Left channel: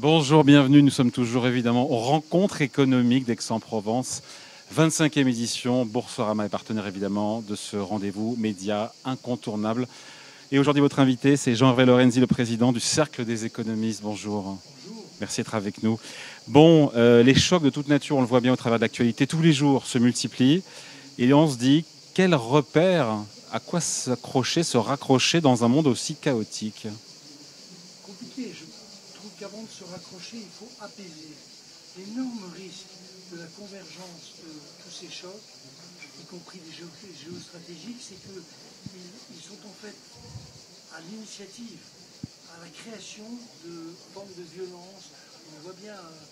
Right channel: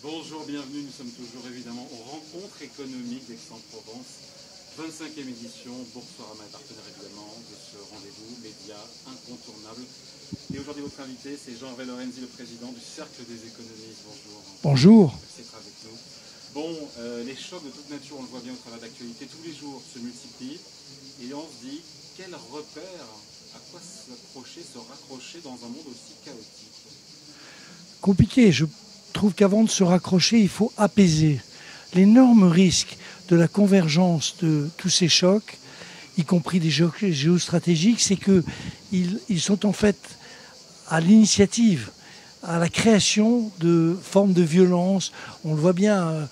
Bonjour, bienvenue. Nous sommes toujours évidemment aux rencontres économiques d'Aix-en-Provence. 25e édition. Boursorama est partenaire évidemment de ce rendez-vous média incontournable. Et aujourd'hui, votre invité, c'est Jean-Hervé Lorenzi, le président du Cercle des économistes. Bonjour. Bonjour. Merci d'être avec nous. Bon, les chocs de toute nature, on le voit bien au travers de l'actualité, tous les jours se multiplient. Et on se dit, quel repère, à quoi s'accrocher, se raccrocher dans un monde aussi chaotique? Compliqué. Je trouve qu'avant de se raccrocher, il faut apaiser. L'énorme risque de la convergence de tous ces chocs, y compris des chocs géostratégiques, c'est qu'ils sont en fait à l'initiative, à la création de formes de violence. On le voit bien,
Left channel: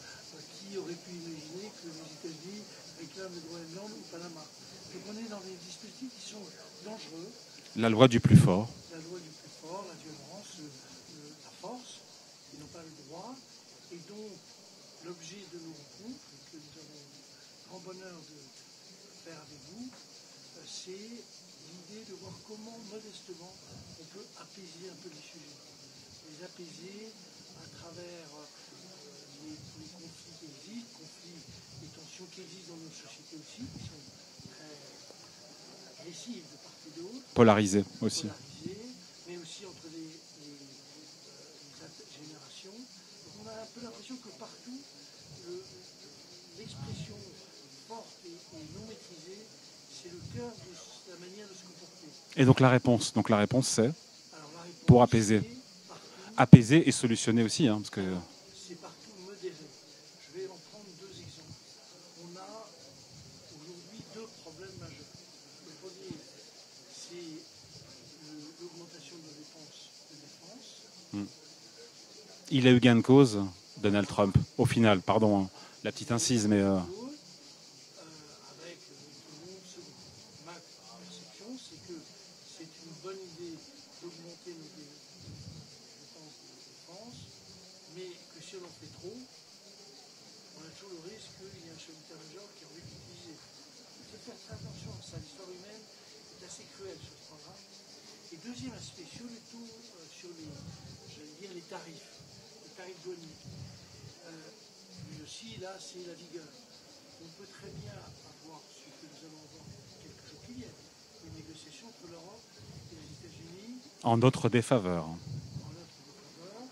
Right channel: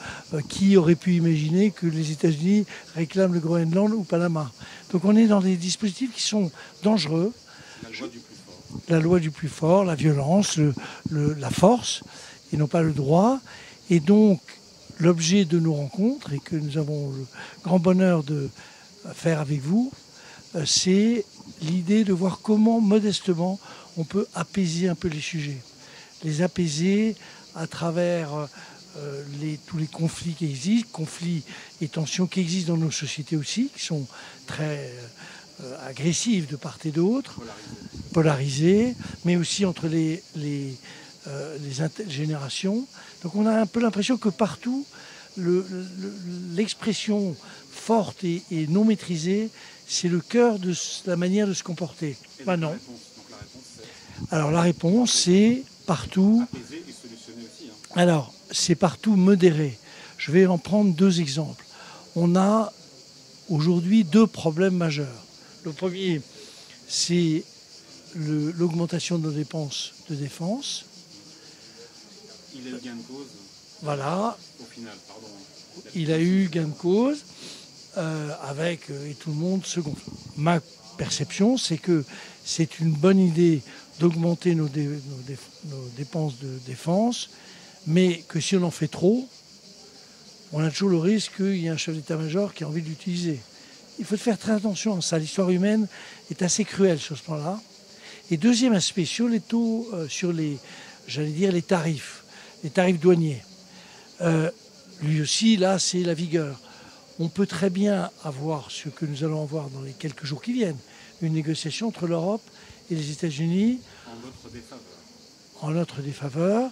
qui aurait pu imaginer que les États-Unis réclament le Groenland ou Panama. Donc on est dans des dispositifs qui sont dangereux. La loi du plus fort. La loi du plus fort, la violence, la force, et non pas le droit. Et donc, l'objet de nos rencontres, et que nous avons le grand bonheur de faire avec vous, c'est l'idée de voir comment, modestement, on peut apaiser un peu les sujets. Les apaiser à travers tous les conflits qui existent, conflits et tensions qui existent dans nos sociétés aussi, qui sont très agressives de part et d'autre. Polarisé aussi. Polarisées, mais aussi entre les générations. Donc on a un peu l'impression que partout, l'expression forte et non maîtrisée, c'est le cœur de la manière de se comporter. Et donc la réponse c'est? Alors la réponse, c'est partout... Apaiser et solutionner aussi. Alors, c'est partout modéré. Je vais en prendre deux exemples. On a aujourd'hui deux problèmes majeurs. Le premier, c'est l'augmentation de nos dépenses de défense. Il a eu gain de cause, Donald Voilà. Trump, au final, pardon. Il a eu gain de cause avec, et tout le monde se gonfle. Ma perception, c'est que c'est une bonne idée d'augmenter nos dépenses de défense, mais que si on en fait trop, on a toujours le risque qu'il y ait un chef d'état-major qui a envie de l'utiliser. Il faut faire très attention à ça. L'histoire humaine est assez cruelle sur ce plan-là. Et deuxième aspect, sur les taux, sur les tarifs douaniers. Lui aussi, là, c'est la vigueur. On peut très bien avoir ce que nous allons avoir dans les quelques jours qui viennent, une négociation entre l'Europe et les États-Unis. En notre défaveur. En notre défaveur.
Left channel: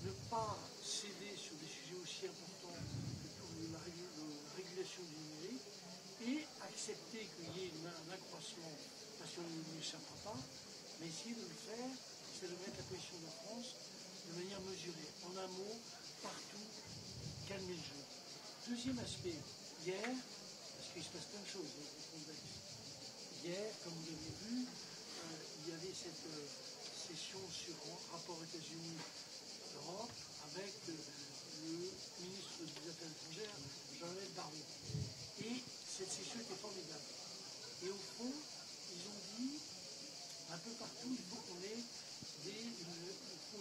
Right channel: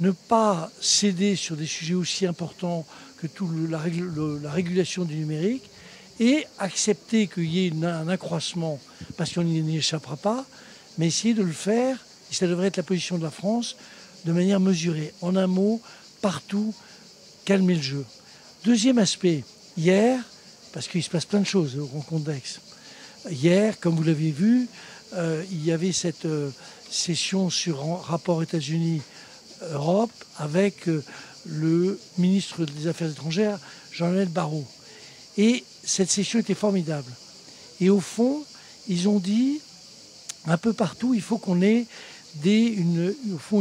Ne pas céder sur des sujets aussi importants que la régulation du numérique et accepter qu'il y ait un accroissement parce qu'on n'y échappera pas, mais essayer de le faire, et ça devrait être la position de la France, de manière mesurée. En un mot, partout, calmer le jeu. Deuxième aspect, hier, parce qu'il se passe plein de choses aux rencontres d'Aix. Hier, comme vous l'avez vu, il y avait cette session sur rapport États-Unis-Europe avec le ministre des Affaires étrangères, Jean-Noël Barrot. Et cette session était formidable. Et au fond, ils ont dit, un peu partout, il faut qu'on ait une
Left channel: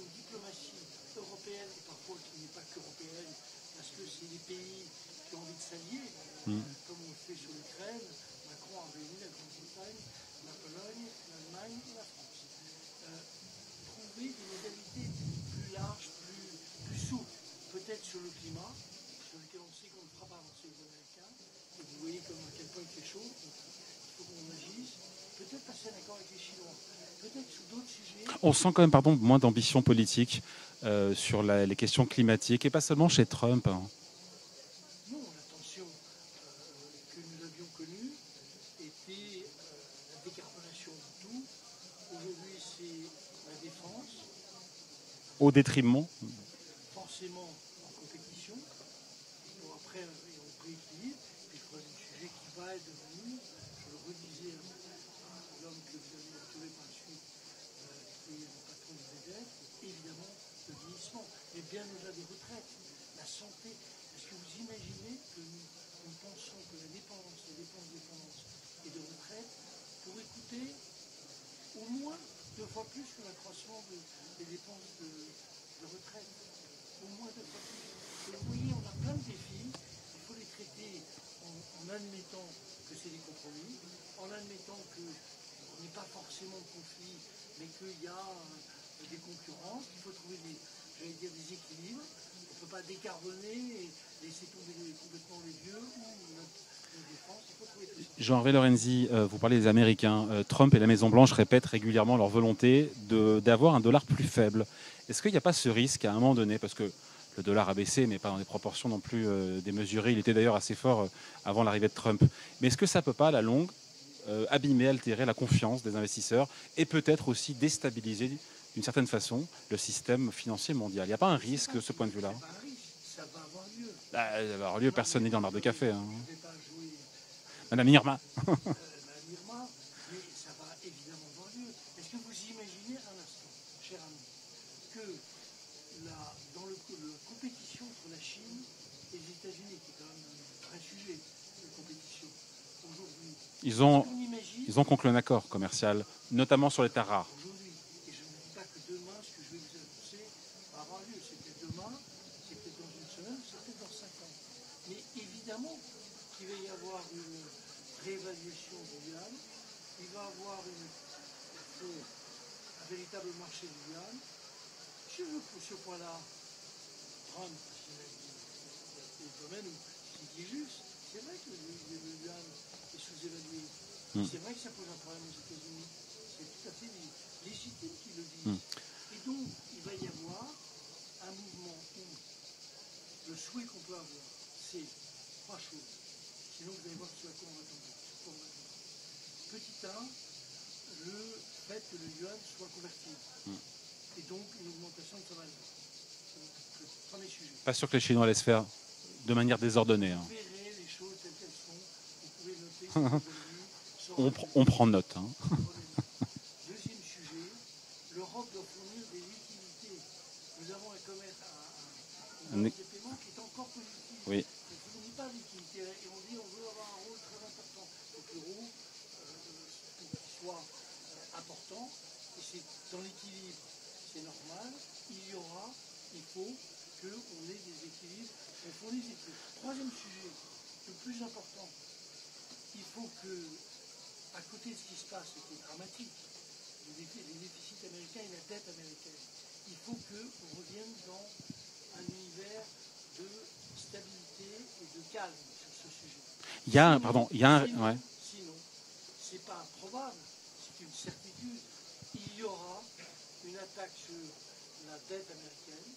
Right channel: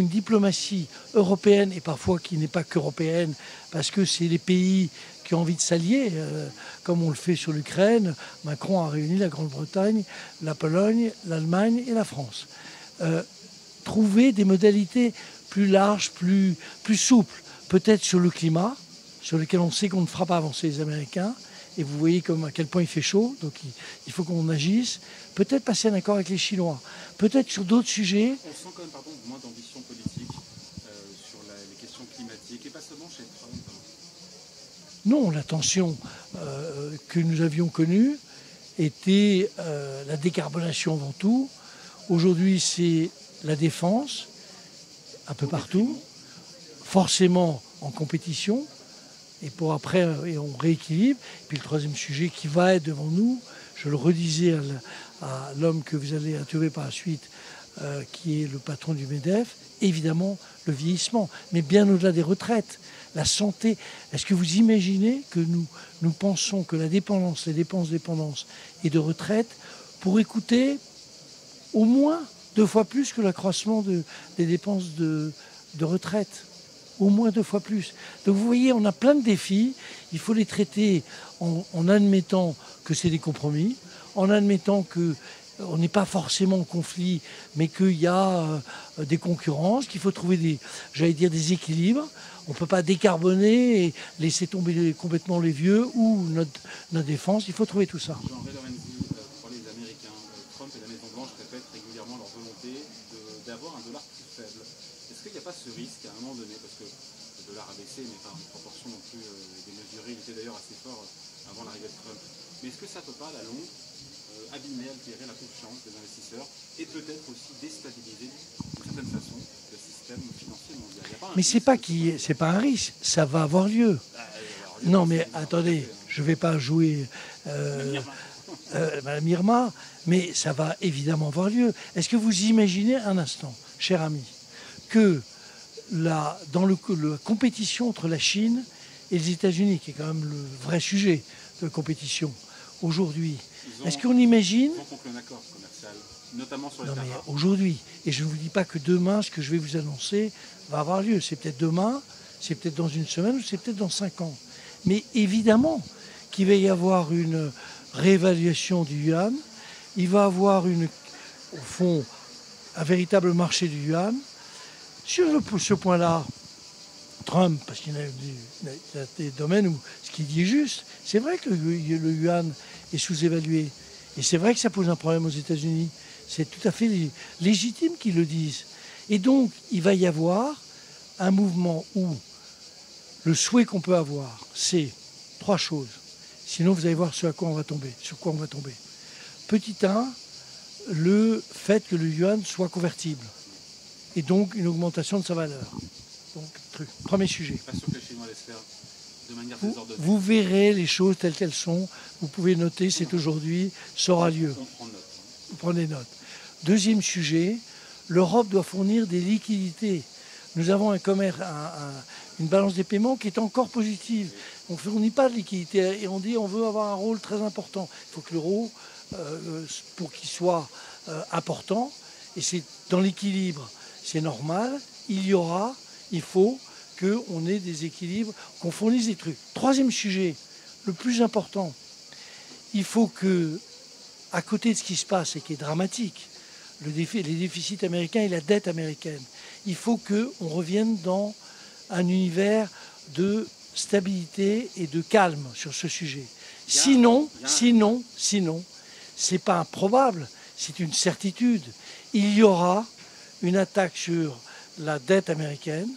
diplomatie européenne, et parfois qui n'est pas qu'européenne, parce que c'est les pays qui ont envie de s'allier, comme on le fait sur l'Ukraine. Macron a réuni la Grande-Bretagne, la Pologne, l'Allemagne et la France. Trouver des modalités plus larges, plus souples, peut-être sur le climat, sur lequel on sait qu'on ne fera pas avancer les Américains, et vous voyez à quel point il fait chaud, donc il faut qu'on agisse. Peut-être passer un accord avec les Chinois, peut-être sur d'autres sujets. On sent quand même, moins d'ambition politique sur les questions climatiques, et pas seulement chez Trump. Non, la tension que nous avions connue était la décarbonation avant tout. Aujourd'hui, c'est la défense, un peu au partout, détriment, forcément en compétition, et pour après, et on rééquilibre. Et puis le troisième sujet qui va être devant nous, je le redisais à l'homme que vous allez interviewer par la suite, qui est le patron du MEDEF, évidemment le vieillissement, mais bien au-delà des retraites, la santé. Est-ce que vous imaginez que nous pensons que les dépenses de dépendance et de retraite pourraient coûter au moins 2 fois plus que l'accroissement des dépenses de retraite? Au moins 2 fois plus. Donc vous voyez, on a plein de défis. Il faut les traiter en admettant que c'est des compromis, en admettant que on n'est pas forcément en conflit, mais qu'il y a des concurrences, qu'il faut trouver des équilibres. On ne peut pas décarboner et laisser tomber complètement les vieux ou notre défense. Il faut trouver tout ça. Jean-Hervé Lorenzi, vous parlez des Américains. Trump et la Maison-Blanche répètent régulièrement leur volonté d'avoir un dollar plus faible. Est-ce qu'il n'y a pas ce risque à un moment donné, parce que le dollar a baissé, mais pas dans des proportions non plus démesurées. Il était d'ailleurs assez fort avant l'arrivée de Trump. Mais est-ce que ça ne peut pas, à la longue, abîmer, altérer la confiance des investisseurs et peut-être aussi déstabiliser d'une certaine façon le système financier mondial? Il n'y a pas un risque? Mais c'est pas un risque, ça va avoir lieu. Non mais attendez, café, hein. Je ne vais pas jouer Madame Irma. Madame Irma, mais ça va évidemment avoir lieu. Est-ce que vous imaginez un instant, cher ami, que dans la compétition entre la Chine et les États-Unis, qui est quand même le vrai sujet de compétition aujourd'hui, est-ce qu'on imagine... Ils ont conclu un accord commercial, notamment sur les terres rares. Aujourd'hui, et je ne vous dis pas que demain, ce que je vais vous annoncer va avoir lieu. C'est peut-être demain, c'est peut-être dans une semaine, ou c'est peut-être dans 5 ans. Mais évidemment qu'il va y avoir une réévaluation du yuan. Il va y avoir, au fond, un véritable marché du yuan. Sur ce point-là, Trump, parce qu'il y a des domaines où ce qu'il dit est juste, c'est vrai que le yuan est sous-évalué. Et c'est vrai que ça pose un problème aux États-Unis. C'est tout à fait légitime qu'ils le disent. Et donc, il va y avoir un mouvement où le souhait qu'on peut avoir, c'est 3 choses. Sinon, vous allez voir sur quoi on va tomber. Petit 1, le fait que le yuan soit convertible. Et donc, une augmentation de sa valeur. Donc, premier sujet. Pas sûr que les Chinois laissent faire de manière désordonnée. Vous verrez les choses telles qu'elles sont. Vous pouvez noter, c'est aujourd'hui, ça aura lieu. On prend note. Vous prenez note. Deuxième sujet, l'Europe doit fournir des liquidités. Nous avons un commerce, une balance des paiements qui est encore positive. Oui. On ne fournit pas de liquidités et on dit on veut avoir un rôle très important. Il faut que l'euro, pour qu'il soit important, et c'est dans l'équilibre, c'est normal, il faut qu'on ait des équilibres, qu'on fournisse des trucs. Troisième sujet, le plus important, il faut que, à côté de ce qui se passe et qui est dramatique, les déficits américains et la dette américaine, il faut qu'on revienne dans un univers de stabilité et de calme sur ce sujet. Sinon, c'est pas improbable, c'est une certitude. Il y aura une attaque sur la dette américaine.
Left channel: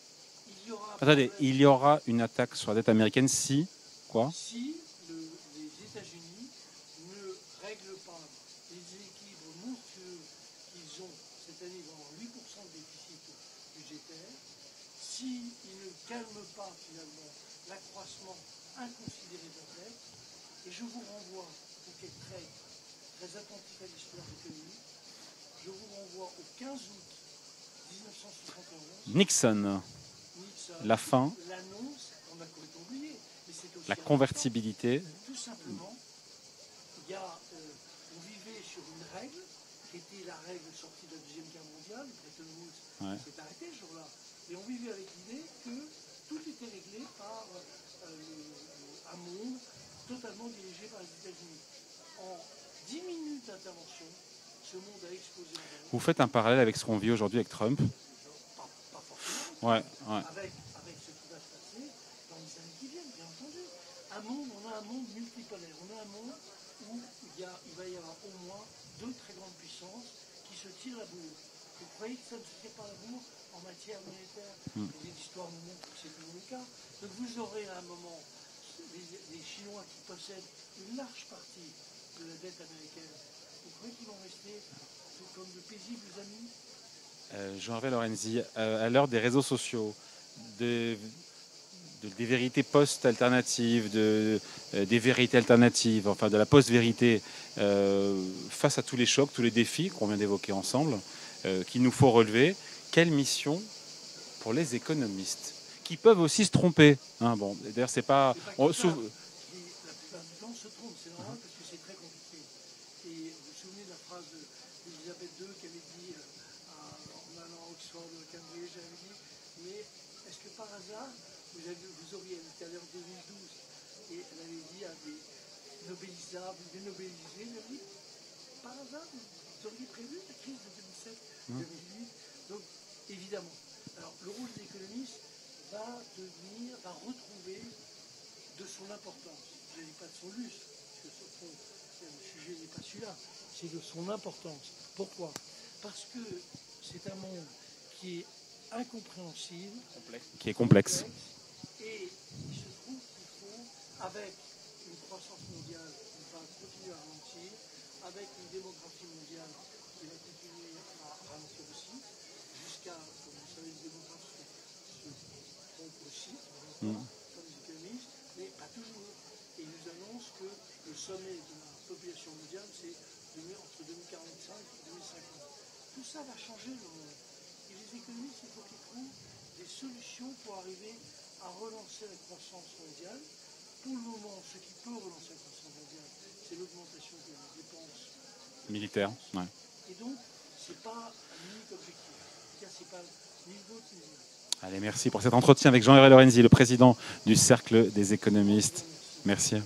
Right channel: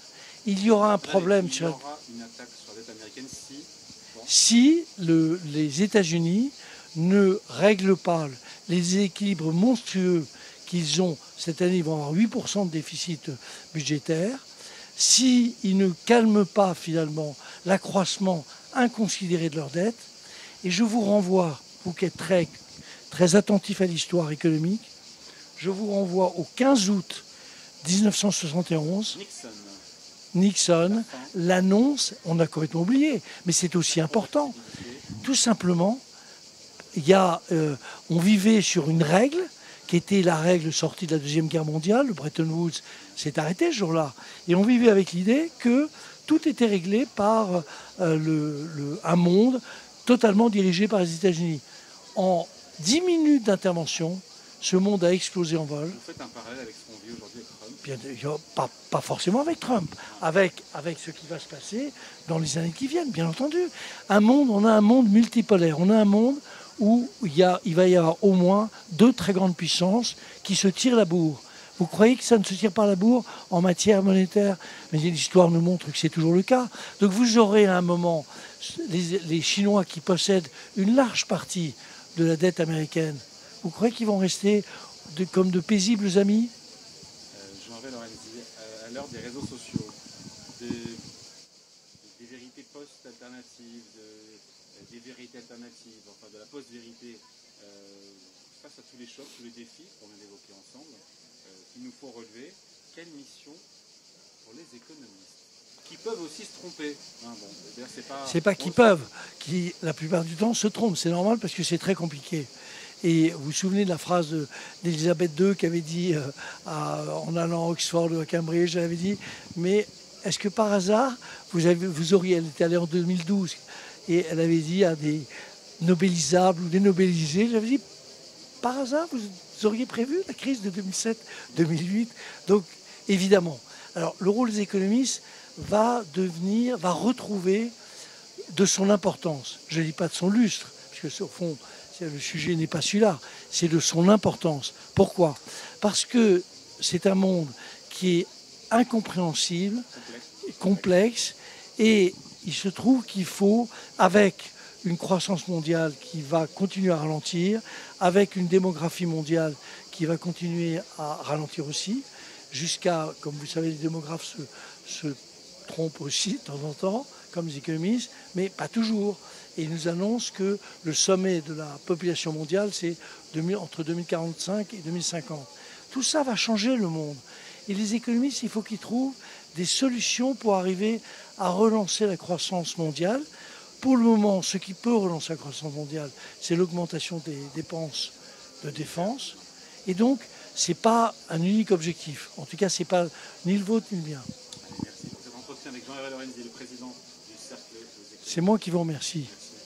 Il y aura un problème. Il y aura une attaque sur la dette américaine si les États-Unis ne règlent pas les équilibres monstrueux qu'ils ont cette année. Ils vont avoir 8% de déficit budgétaire. S'ils ne calment pas finalement l'accroissement inconsidéré de leur dette, et je vous renvoie, vous qui êtes très, très attentif à l'histoire économique, je vous renvoie au 15 août 1971. Nixon, l'annonce, on a complètement oublié, mais c'est aussi important. Tout simplement, on vivait sur une règle qui était la règle sortie de la Deuxième Guerre mondiale, le Bretton Woods s'est arrêté ce jour-là. Et on vivait avec l'idée que tout était réglé par un monde totalement dirigé par les États-Unis. En 10 minutes d'intervention, ce monde a explosé en vol. Vous faites un parallèle avec ce qu'on vit aujourd'hui avec Trump? Pas forcément avec Trump, avec ce qui va se passer dans les années qui viennent, bien entendu. On a un monde multipolaire, on a un monde où il va y avoir au moins 2 très grandes puissances qui se tirent la bourre. Vous croyez que ça ne se tire pas la bourre en matière monétaire? Mais l'histoire nous montre que c'est toujours le cas. Donc vous aurez à un moment les Chinois qui possèdent une large partie de la dette américaine. Vous croyez qu'ils vont rester comme de paisibles amis? Jean-Hervé Lorenzi, à l'heure des réseaux sociaux, des vérités post-alternatives, des vérités alternatives, enfin de la post-vérité, face à tous les chocs, tous les défis qu'on vient d'évoquer ensemble, qu'il nous faut relever, quelle mission pour les économistes qui peuvent aussi se tromper, hein, bon, d'ailleurs, c'est pas qu'ils peuvent, qui la plupart du temps se trompent, c'est normal parce que c'est très compliqué. Et vous vous souvenez de la phrase d'Elisabeth II qui avait dit, en allant à Oxford ou à Cambridge, elle avait dit, mais est-ce que par hasard, elle était allée en 2012, et elle avait dit à des nobelisables ou des nobelisés, j'avais dit, par hasard, vous auriez prévu la crise de 2007-2008. Donc, évidemment. Alors, le rôle des économistes va retrouver de son importance. Je ne dis pas de son lustre, puisque au fond, le sujet n'est pas celui-là, c'est de son importance. Pourquoi? Parce que c'est un monde qui est incompréhensible, qui est complexe. Et il se trouve qu'il faut, avec une croissance mondiale qui va continuer à ralentir, avec une démographie mondiale qui va continuer à ralentir aussi, jusqu'à, comme vous savez, les démographes se trompent aussi de temps en temps, comme les économistes, mais pas toujours. Et ils nous annoncent que le sommet de la population mondiale, c'est entre 2045 et 2050. Tout ça va changer le monde. Et les économistes, il faut qu'ils trouvent des solutions pour arriver à relancer la croissance mondiale. Pour le moment, ce qui peut relancer la croissance mondiale, c'est l'augmentation des dépenses de défense. Ouais. Et donc, ce n'est pas un unique objectif. En tout cas, ce n'est pas ni le vôtre ni le mien. Allez, merci pour cet entretien avec Jean-Hervé Lorenzi, le président du Cercle des économistes. C'est moi qui vous remercie. Merci.